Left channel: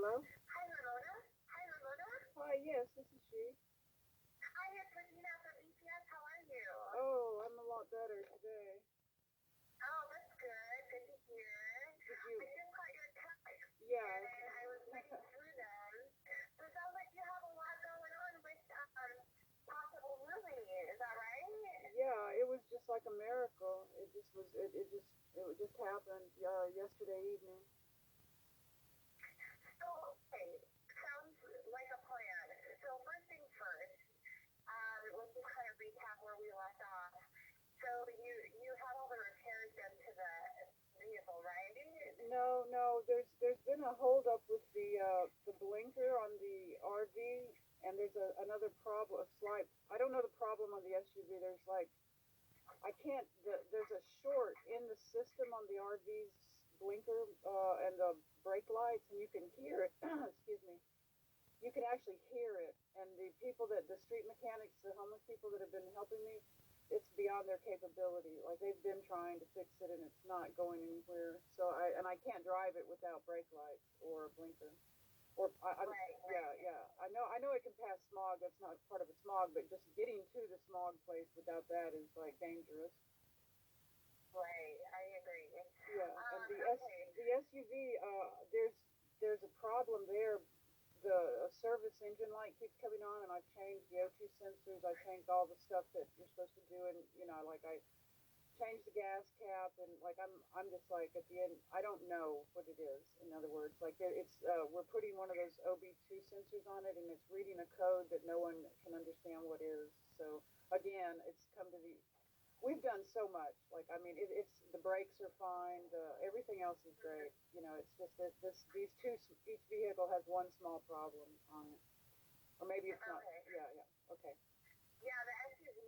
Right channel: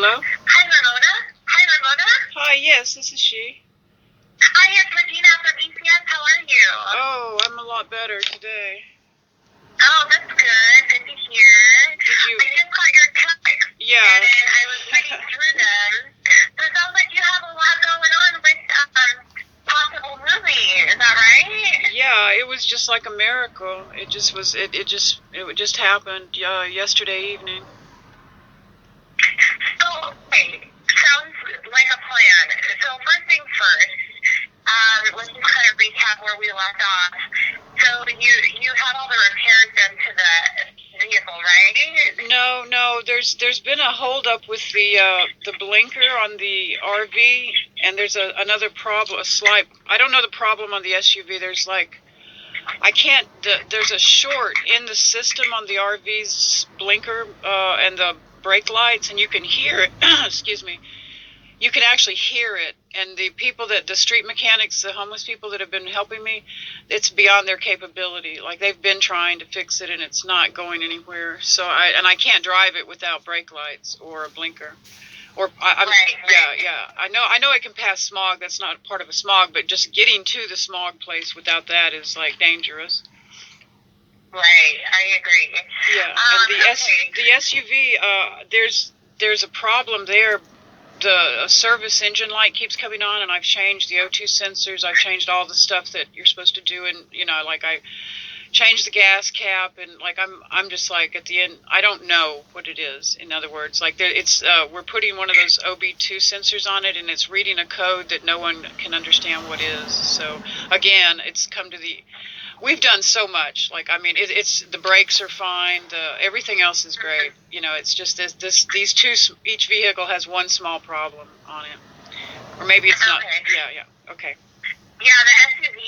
Hello? Hi, Ramona. Hi, Ramona. Hi, yes, this is she. Hi, it's Regina from ECS. How are you? Oh, I'm a lot better today. Oh, that's good. Good to hear. Did you? I just got your text. Yeah. And I was reading through them. So it sounds like you have a lot going on with possible movie. Is that right? Yeah, it was just like a miracle. It just was. It just happened yesterday evening. So, okay. Sounds like a plan. So first things first. Let's just kind of recap where we left off. So you had all the repairs done to the vehicle, right? No. There's been a holdup with the blinker on the RV, and there's another problem. I don't know the problem on the SUV. There's like. I can't. There's a short in the system on the RV's blinker and the brake lights, and you can hear it. Excuse me. You can actually hear it, and the street mechanics, the homeless people that have been helping me, it's beyond their capability. Like they've been trying to fix it, and it's not going anywhere. So I can't drive it without brake lights or a blinker. Right. Yeah. I know I can pass smog. That's not part of a smog, but just getting to the smog place without that is like dangerous. Right, I agree. Yeah, and the SUV, there's a problem there. The service engine light keeps coming on, and I've changed the O2 sensors. I've changed all the stuff that you're supposed to do, and like I changed the gas cap, and like I'm just like at the end, I don't know what it is. In other words, like we're putting one of those OB2 sensors on it, and it's reading a code that no one can understand what is. So again, it's come to we've done so much. Like, I mean, it's the brakes are fine. Everything else is great. It's just these two. Each vehicle has one small problem on it, or maybe it's not. Yeah. Okay. Yeah, the SUV.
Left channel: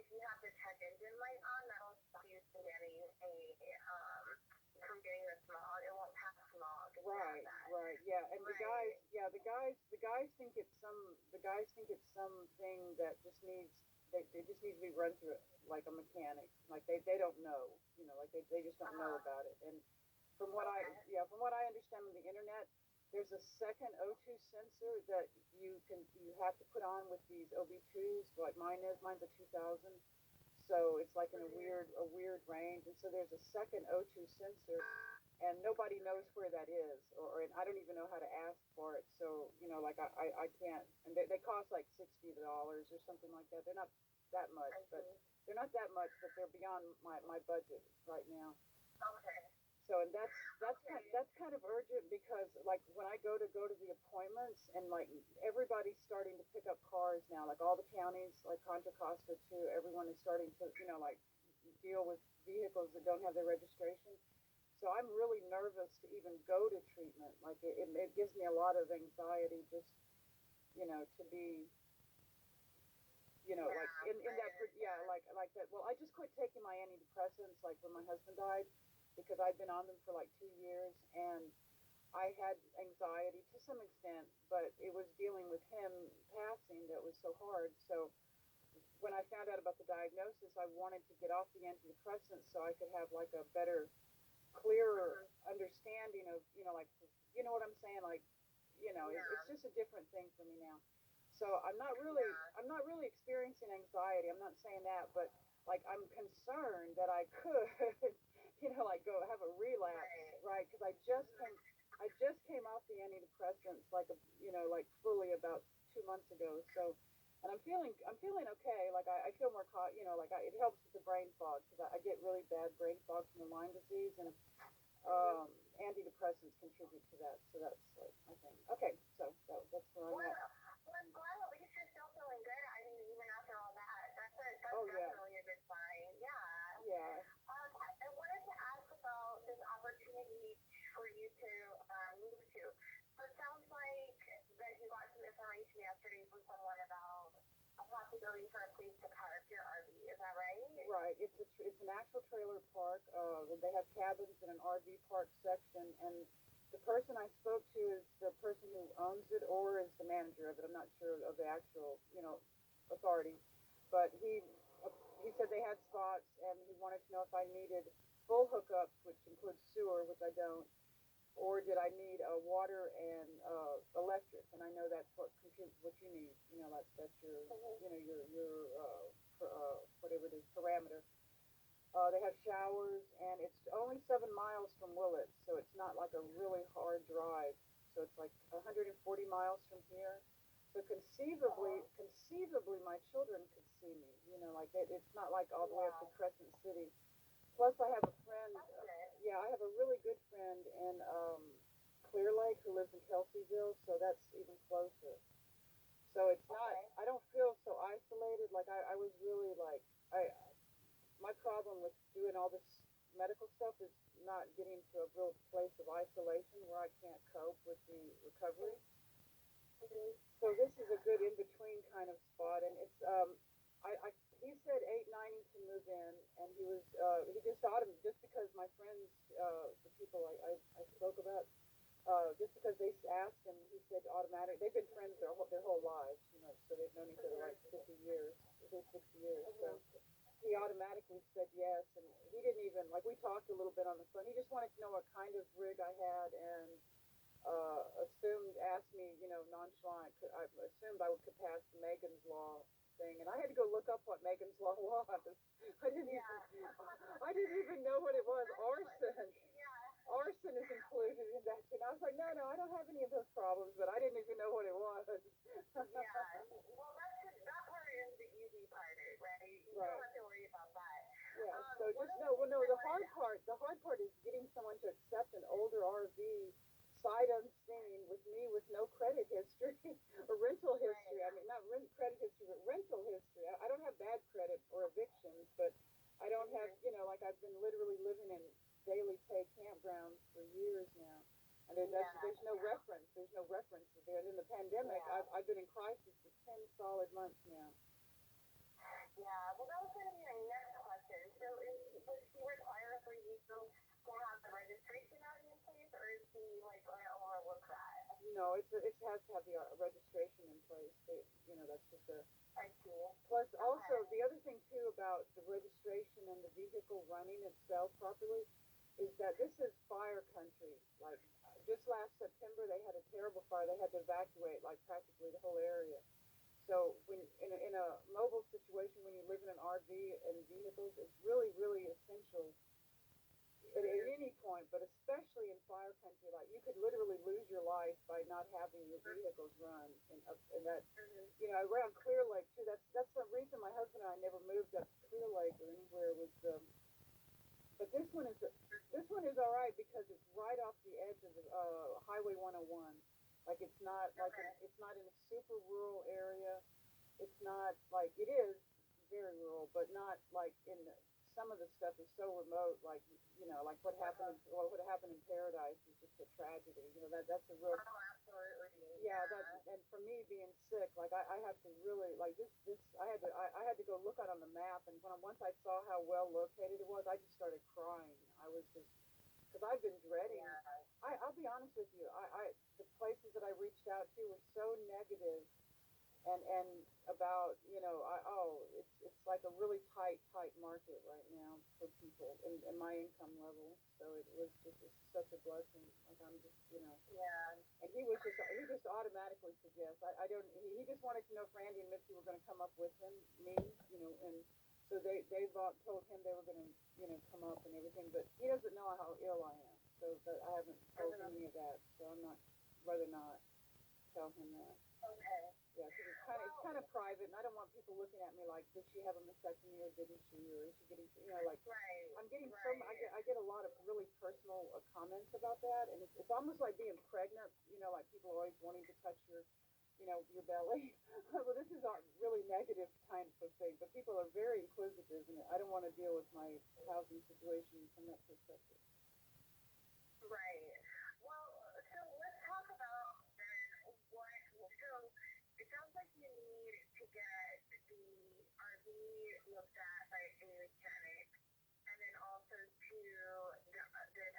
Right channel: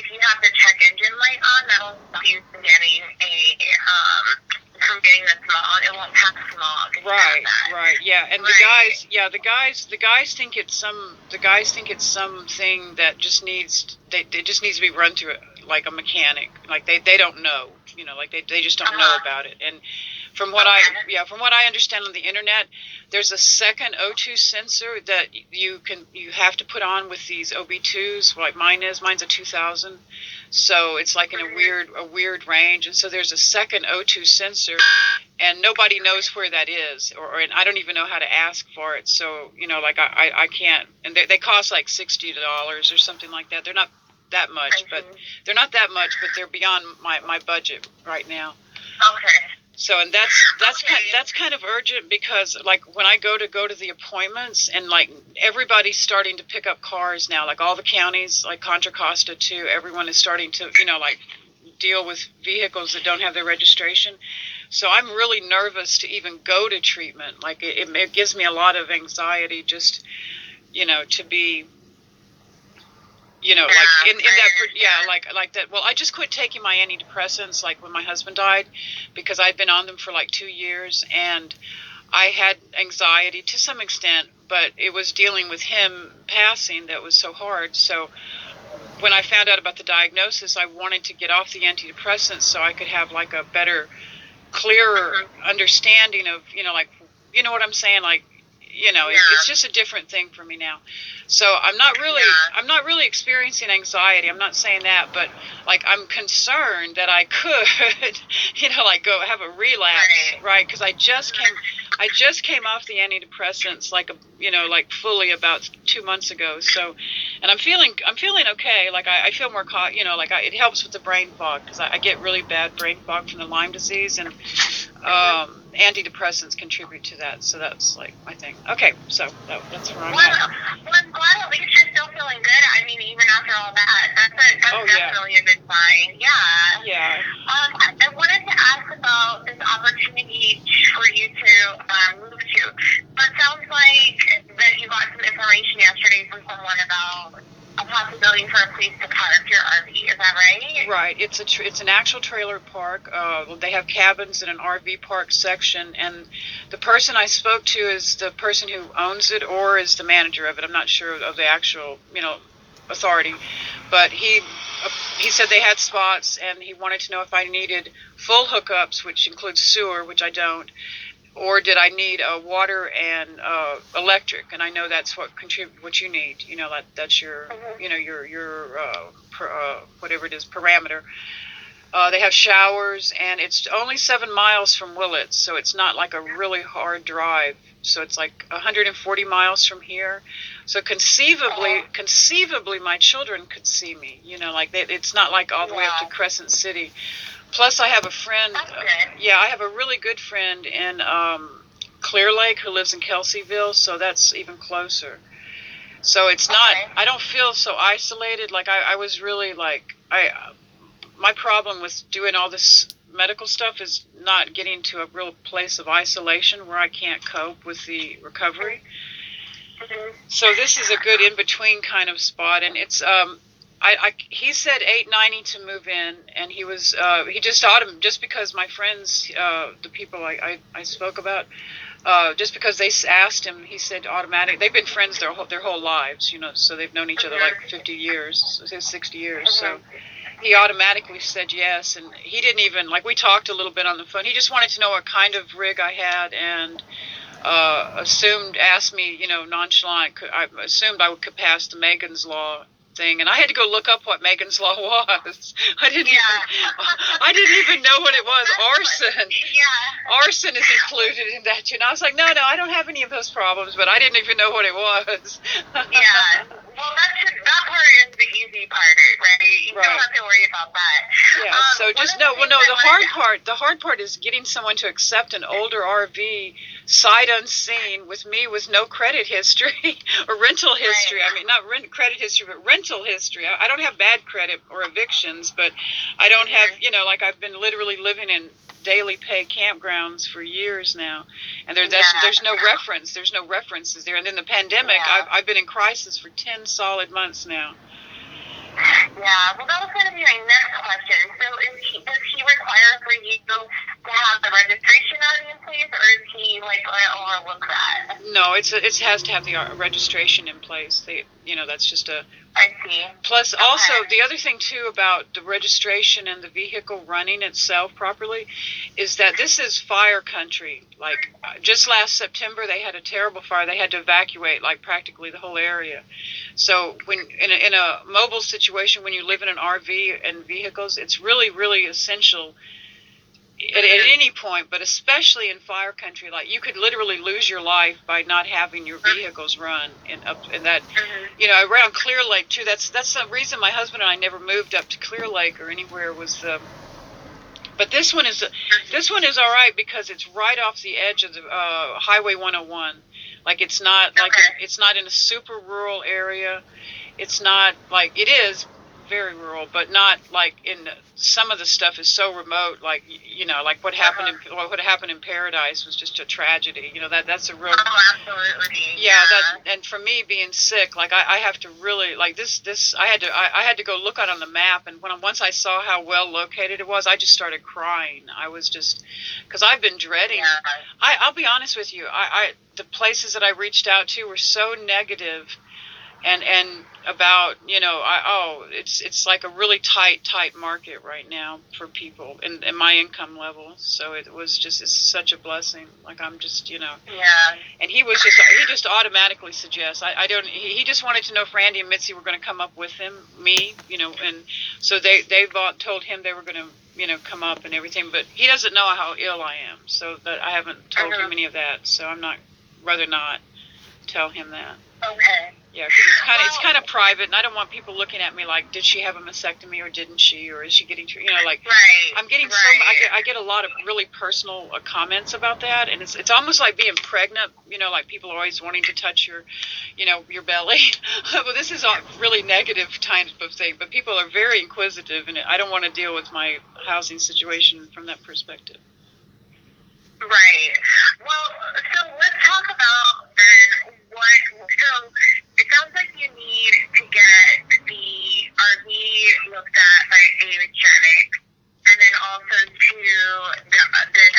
If you have the check engine light on, that'll stop you from getting the smog. It won't pass smog. Right. Yeah, and right. The guys think it's something that just needs. It just needs to be run through it like a mechanic. Like they don't know. Like they just don't know about it. And from what I understand on the internet, there's a second O2 sensor that you have to put on with these OB2s. Like mine's a 2000, so it's like in a weird range. And so there's a second O2 sensor, and nobody knows where that is, and I don't even know how to ask for it. So like I can't. And they cost like $60 or something like that. They're not that much, but they're beyond my budget right now. Okay. So, and that's kind of urgent, because like when I go to the appointments, and like everybody's starting to pick up cars now, like all the counties, like Contra Costa too, everyone is starting to like deal with vehicles that don't have their registration. So I'm really nervous to even go to treatment. Like it gives me a lot of anxiety just to be like in that, like that. Well, I just quit taking my antidepressants like when my husband died, because I'd been on them for like 2 years, and I had anxiety to some extent, but it was dealing with him passing that was so hard. So when I found out about the diagnosis, I wanted to get off the antidepressants so I could have like a better, clearer understanding of like what I'm saying, like it's just a different thing for me now. So I'm not really experiencing anxiety. I'm not saying that, but like I'm concerned that I could, like go have a relapse, right? Because I just came off the antidepressants like fully about 2 months ago. So, and I'm feeling okay. Like I feel more it helps with the brain fog, because I get really bad brain fog from the Lyme disease, and antidepressants contribute to that. So that's like my thing. Okay, so that's where I'm at. Well, I'm glad at least you're still feeling good. I mean, even after all that, that's definitely a good sign. Yeah. Yeah. I wanted to ask about this opportunity for you to move to. So it sounds like that you got some information yesterday from someone about a possibility for a place to park your RV. Is that right? Right. It's an actual trailer park. They have cabins in an RV park section, and the person I spoke to is the person who owns it, or is the manager of it. I'm not sure of the actual authority, but he said they had spots, and he wanted to know if I needed full hookups, which includes sewer, which I don't, or did I need water and electric? And I know that's what you need. That's your whatever it is, parameter. They have showers, and it's only 7 miles from Willits, so it's not like a really hard drive. So it's like 140 miles from here. So conceivably, my children could see me. It's not like all the way up to Crescent City. Plus, I have a friend. I have a really good friend in Clear Lake who lives in Kelseyville, so that's even closer. So it's not. I don't feel so isolated. Like I was really my problem with doing all this medical stuff is not getting to a real place of isolation where I can't cope with the recovery. So this is a good in-between kind of spot, and it's he said $890 to move in, and he just because my friends, the people I spoke about, just because they asked him, he said automatic. They've been friends their whole lives, so they've known each other like 50 years, 60 years, so. He automatically said yes, and he didn't even, we talked a little bit on the phone. He just wanted to know what kind of rig I had, and asked me, nonchalant, I assumed I could pass the Megan's Law thing, and I had to go look up what Megan's Law was. I didn't even know what it was. Arson. Yeah. Arson is included in that, I was like, no, I don't have any of those problems, but I didn't even know what it was. Yeah. Well, that part is the easy part, right? You don't have to worry about that. Yeah, so just the hard part is getting someone to accept an older RV sight unseen with me with no credit history or rental history. Right. I mean, not credit history, but rental history. I don't have bad credit or evictions, but I don't have, I've been literally living in daily pay campgrounds for years now, and there's no reference. There's no references there. And then the pandemic, I've been in crisis for 10 solid months now. Yeah, well, that was going to be my next question. So does he require for you to have the registration already in place, or is he going to overlook that? No, it has to have the registration in place. That's just a. I see. Plus, also, the other thing, too, about the registration and the vehicle running itself properly is that this is fire country. Just last September, they had a terrible fire. They had to evacuate, practically the whole area. So when in a mobile situation, when you live in an RV and vehicles, it's really, really essential at any point, but especially in fire country. You could literally lose your life by not having your vehicles run in that, around Clear Lake too. That's the reason my husband and I never moved up to Clear Lake or anywhere was but this one is all right because it's right off the edge of the Highway 101. It's not it's not in a super rural area. It's not it is very rural, but not in some of the stuff is so remote. What happened in Paradise was just a tragedy. That's a real. Oh, absolutely. Yeah. And for me being sick, I have to really this. I had to go look on the map, and once I saw how well located it was, I just started crying. I was just because I've been dreading. Yeah. I'll be honest with you. The places that I reached out to were so negative. And about it's like a really tight market right now for people in my income level. So it's such a blessing. I'm just Yeah. And he just automatically suggests. I don't. He just wanted to know if Randy and Mitzi were going to come up with me. And so they told him they were going to come up and everything. But he doesn't know how ill I am. So that I haven't told him any of that. So I'm rather not tell him that. Okay. Yeah, because it's kind of private, and I don't want people looking at me did she have a mastectomy or didn't she, or is she getting treated? Right. I'm getting I get a lot of really personal comments about that, and it's almost like being pregnant. People are always wanting to touch your, your belly. Well, this is a really negative kind of thing, but people are very inquisitive, and I don't want to deal with my housing situation from that perspective. Right. Well, so let's talk about then so it sounds like you need to get the RV looked at by a mechanic, and then also to the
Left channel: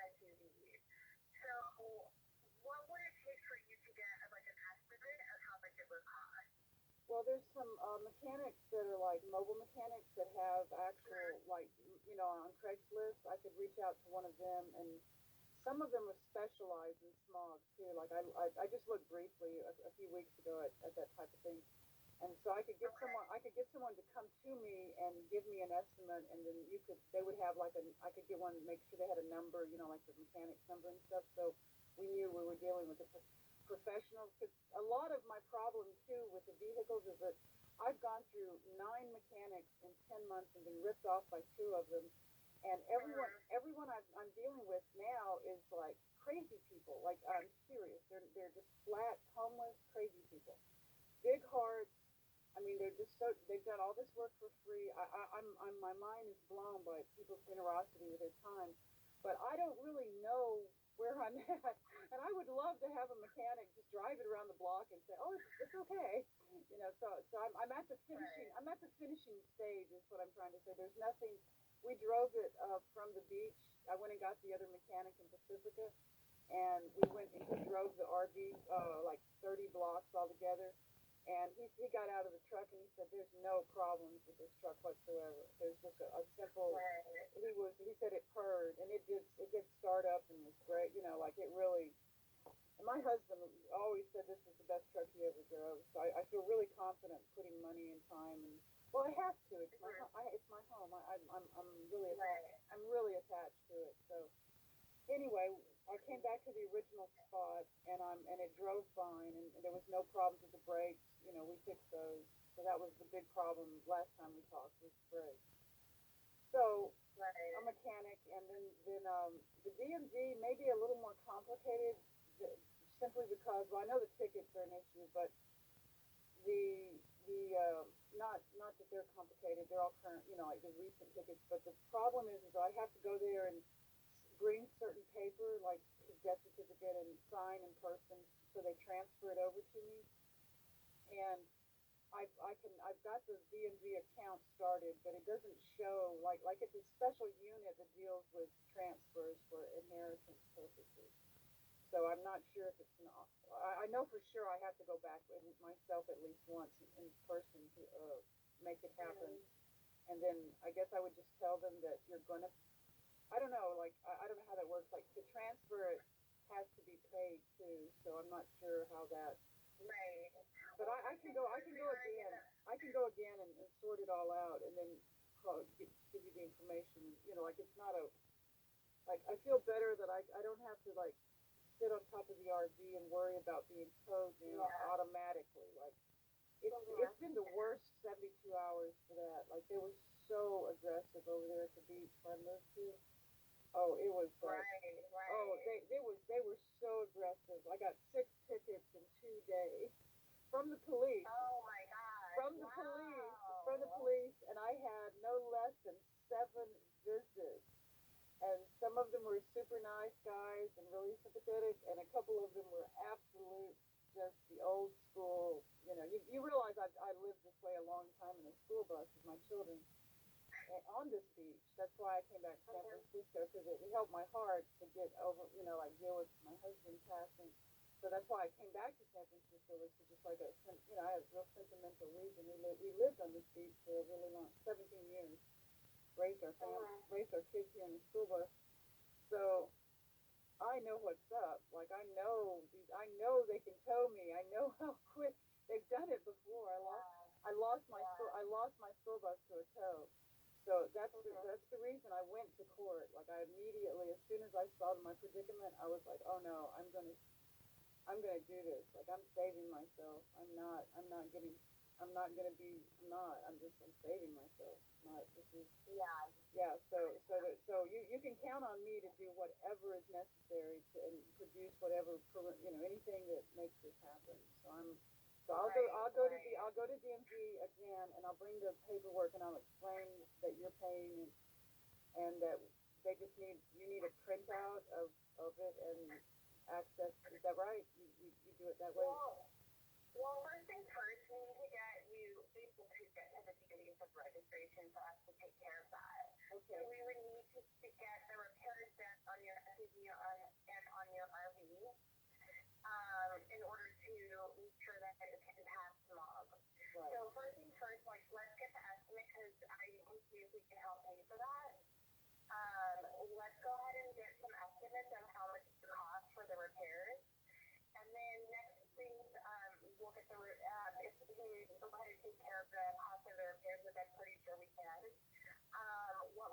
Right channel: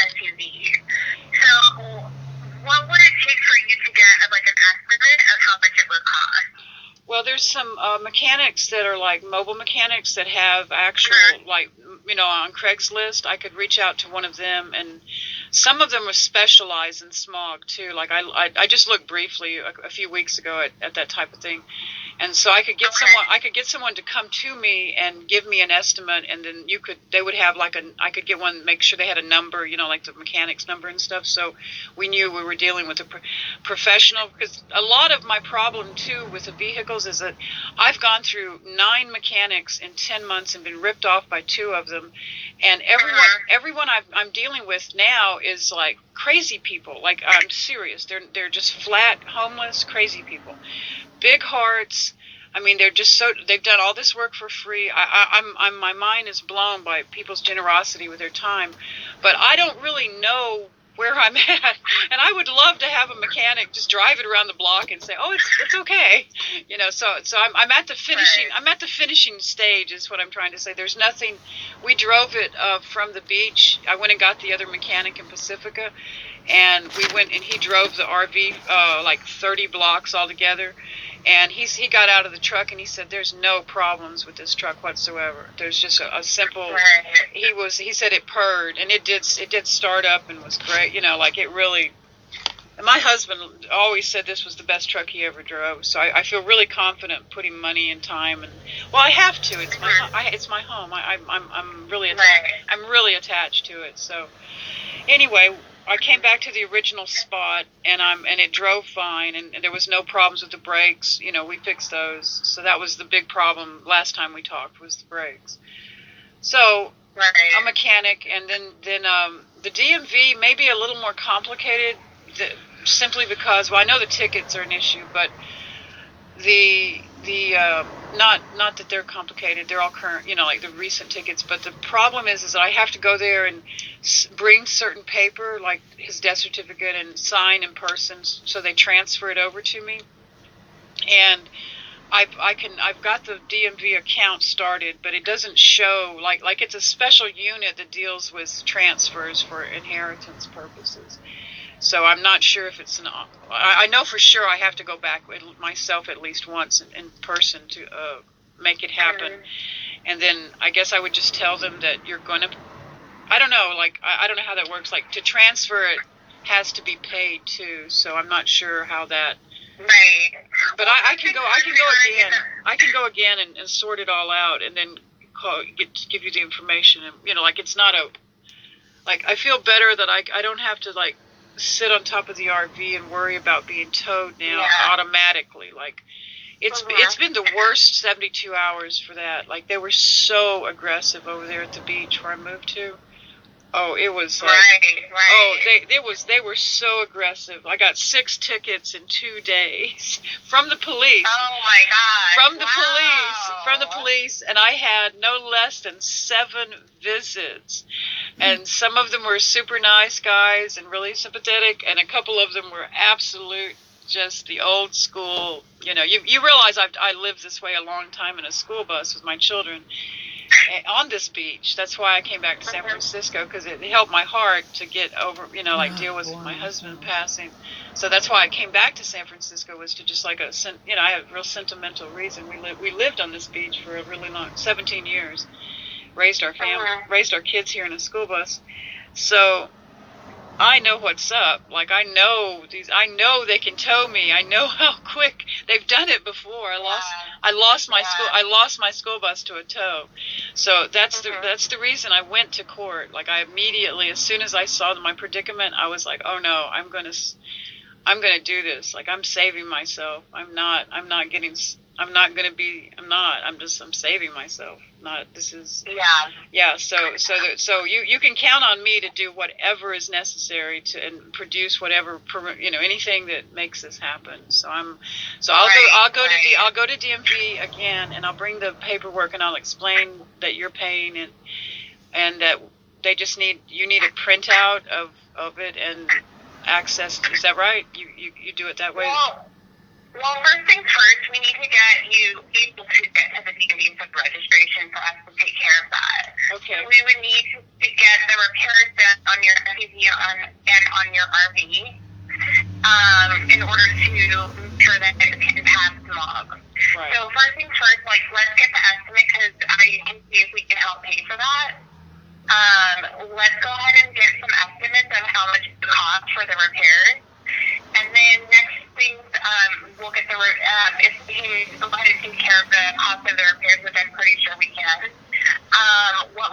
SUV. So what would it take for you to get an estimate of how much it would cost? Well, there's some mechanics that are mobile mechanics that have actual on Craigslist. I could reach out to one of them and some of them were specialized in smog too. Like I just looked briefly a few weeks ago at that type of thing. And so I could get someone to come to me and give me an estimate, and then they would have I could get one, make sure they had a number, like the mechanic's number and stuff. So we knew we were dealing with a professional, because a lot of my problem too with the vehicles is that I've gone through 9 mechanics in 10 months and been ripped off by 2 of them. And everyone I'm dealing with now is like crazy people. Like, I'm serious. They're just flat, homeless, crazy people. Big hearts. I mean, they've done all this work for free. My mind is blown by people's generosity with their time, but I don't really know where I'm at. And I would love to have a mechanic just drive it around the block and say, "Oh, it's okay," So I'm at the finishing stage is what I'm trying to say. There's nothing. We drove it from the beach. I went and got the other mechanic in Pacifica, and we went and he drove the RV like 30 blocks altogether. And he got out of the truck and he said, "There's no problems with this truck whatsoever. There's just a simple." He said it purred, and it did start up and was great. Like it really. And my husband always said this was the best truck he ever drove. So I feel really confident putting money and time, and I have to. It's my home. I'm really attached to it. So anyway, I came back to the original spot, and it drove fine, and there was no problems with the brakes. We fixed those. So that was the big problem last time we talked, was the brakes. So a mechanic, and then the DMV may be a little more complicated, simply because, I know the tickets are an issue, but the not that they're complicated, they're all current, like the recent tickets, but the problem is that I have to go there and bring certain paper, like his death certificate, and sign in person, so they transfer it over to me. And I've got the DMV account started, but it doesn't show, like it's a special unit that deals with transfers for inheritance purposes. So I'm not sure if it's I know for sure I have to go back myself at least once in person to make it happen. And then I guess I would just tell them that you're going to, I don't know, I don't know how that works. Like, to transfer it has to be paid too. So I'm not sure how that. Right. But I can go again. I can go again and sort it all out, and then give you the information. And it's not I feel better that I don't have to sit on top of the RV and worry about being towed now automatically. It's been the worst 72 hours for that. they were so aggressive over there at the beach where I moved to. Oh, it was they were so aggressive. I got 6 tickets in 2 days from the police. Oh my God. From the police, and I had no less than 7 visits. And some of them were super nice guys and really sympathetic, and a couple of them were absolute, just the old school. You realize I lived this way a long time in a school bus with my children on this beach. That's why I came back to San Francisco, because it helped my heart to get over, deal with my husband passing. So that's why I came back to San Francisco, was to just I had a real sentimental reason. We lived on this beach for a really long, 17 years, raised our family, raised our kids here in a school bus. So I know what's up. I know they can tow me. I know how quick they've done it before. I lost my school bus to a tow. So that's the reason I went to court. I immediately, as soon as I saw my predicament, I was like, "Oh no, I'm going to do this. I'm saving myself. I'm saving myself. So you can count on me to do whatever is necessary and produce whatever, anything that makes this happen. So I'll go to DMV again, and I'll bring the paperwork, and I'll explain that you're paying it, and that they just need a printout of it and access. Is that right? You do it that way? Well, first things first, we need to get you able to get to the DMV for registration for us to take care of that. Okay. So we would need to get the repairs done on your SUV and on your RV in order to make sure that it can pass smog. Right. So first things first, let's get the estimate, because I can see if we can help pay for that. Let's go ahead and get some estimates of how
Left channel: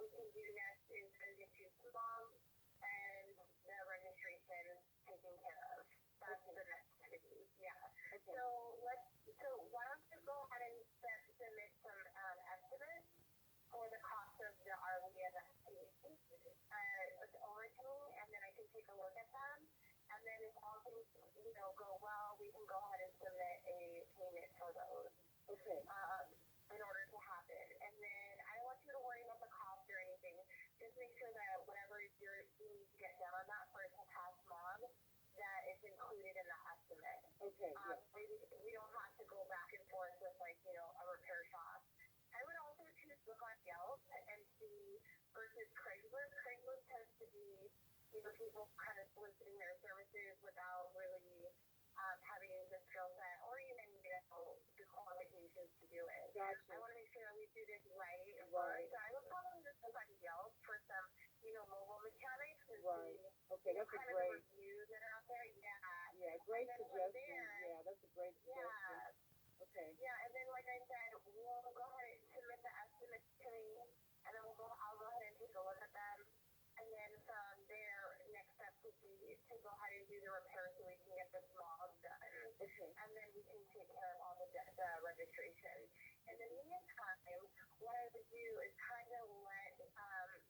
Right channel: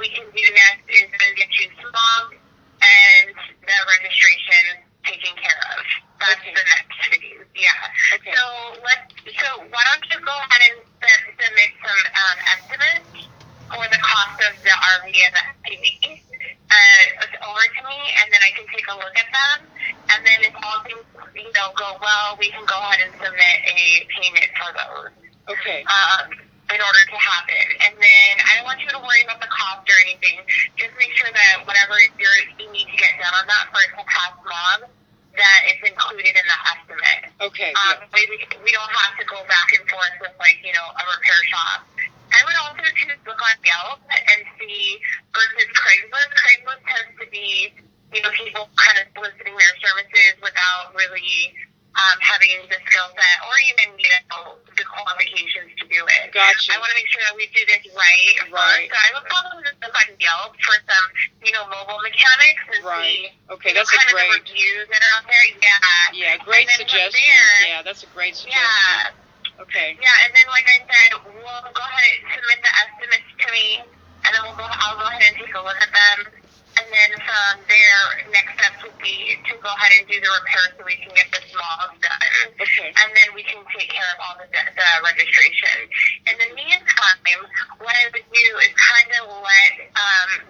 we can do next is then get you swabbed and the registration taken care of. That's Okay. the next phase. Yeah. Okay. So why don't you go ahead and submit some estimates for the cost of the RV and the SUV over to me, and then I can take a look at them. And then if all things go well, we can go ahead and submit a payment for those. Okay. In order to happen. And then I don't want you to worry about the cost or anything. Just make sure that whatever you need to get done on that for it to pass log, that is included in the estimate. Okay. We don't have to go back and forth with a repair shop. I would also choose look on Yelp and see versus Craigslist. Craigslist tends to be people kind of soliciting their services without really having the skill set or even the qualifications to do it. Gotcha. I want to make sure that we do this right. Right. So I would probably just look on Yelp for some mobile mechanics and Right. see Okay, that's a kind great. of the reviews that are out there. Yeah. Yeah, great And then from suggestion. there, Yeah, that's a great suggestion. yeah. Okay. Yeah, and then like I said, we'll go ahead and submit the estimates to me, and then I'll go ahead and take a look at them. And then from there, next steps would be to go ahead and do the repair so we can get the smalls done. Okay. And then we can take care of all the registration. In the meantime, what I would do is kind of let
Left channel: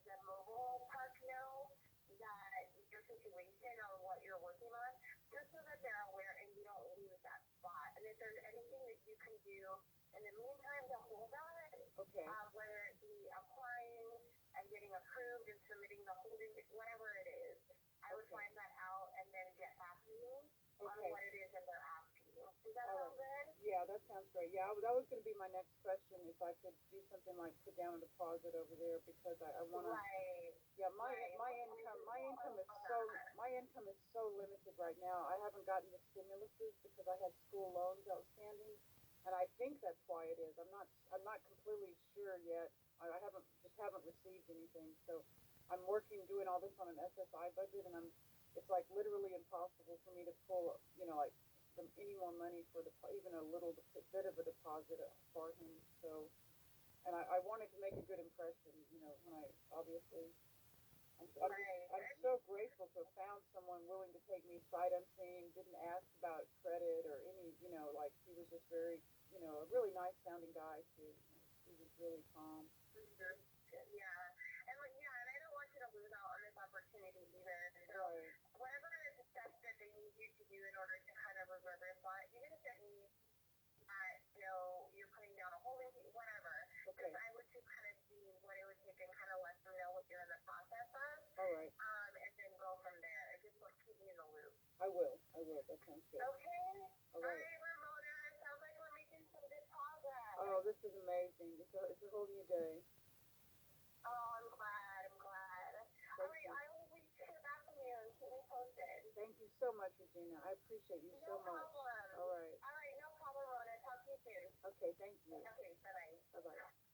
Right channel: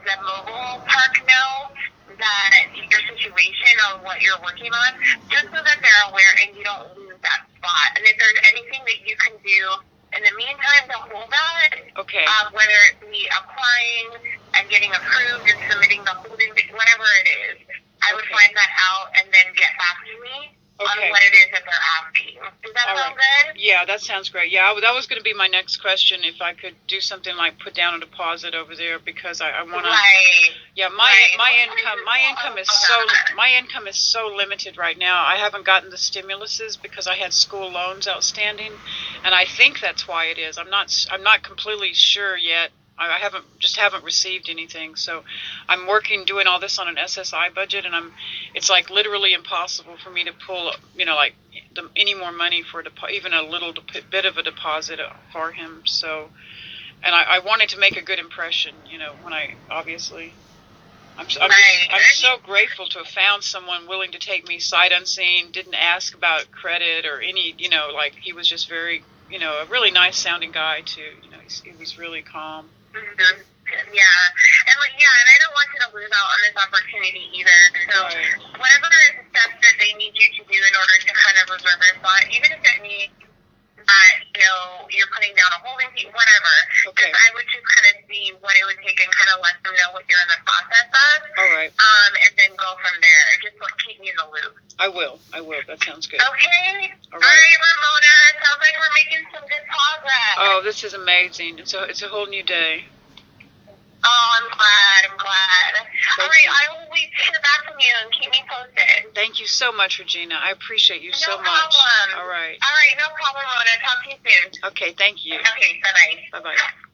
the mobile park know that your situation on what you're working on, just so that they're aware and you don't lose that spot. And if there's anything that you can do in the meantime to hold that, Okay. whether it be applying and getting approved and submitting the holding, whatever it is, I would Okay. find that out and then get back to me on Okay. what it is that they're asking. Does that All sound right. good? Yeah, that sounds great. Yeah, that was going to be my next question, if I could do something like put down a deposit over there, because I want to. Right. Yeah, Right. my income is so limited right now. I haven't gotten the stimuluses because I had school loans outstanding, and I think that's why it is. I'm not completely sure yet. I haven't received anything. So I'm doing all this on an SSI budget, and it's like literally impossible for me to pull, any more money for even a little bit of a deposit for him. So, and I wanted to make a good impression, when I obviously. I'm so grateful to have found someone willing to take me sight unseen, didn't ask about credit or any, he was just very, a really nice sounding guy too. He was really calm. Mm-hmm. Yeah. And I don't want you to lose out on this opportunity either. So Right. whatever steps that they need you to do in order to kind of reserve your spot, even if it means you're putting down a holding fee, whatever. Okay. I would just kind of see what it would take and kind of let them know what you're in the process of. All right. And then go from there. Just keep me in the loop. I will. That sounds good. Okay. All All right. right, Ramona. Sounds like we're making some good progress. Oh, this is amazing. It's a whole new day. Oh, I'm glad. All right, you. I will wait to hear back from you and keep me posted. Thank you so much, Regina. I appreciate you so No much. problem. All right. All right, no problem, Ramona. Talk to you soon. Okay, thank you. Okay, bye-bye. Bye-bye.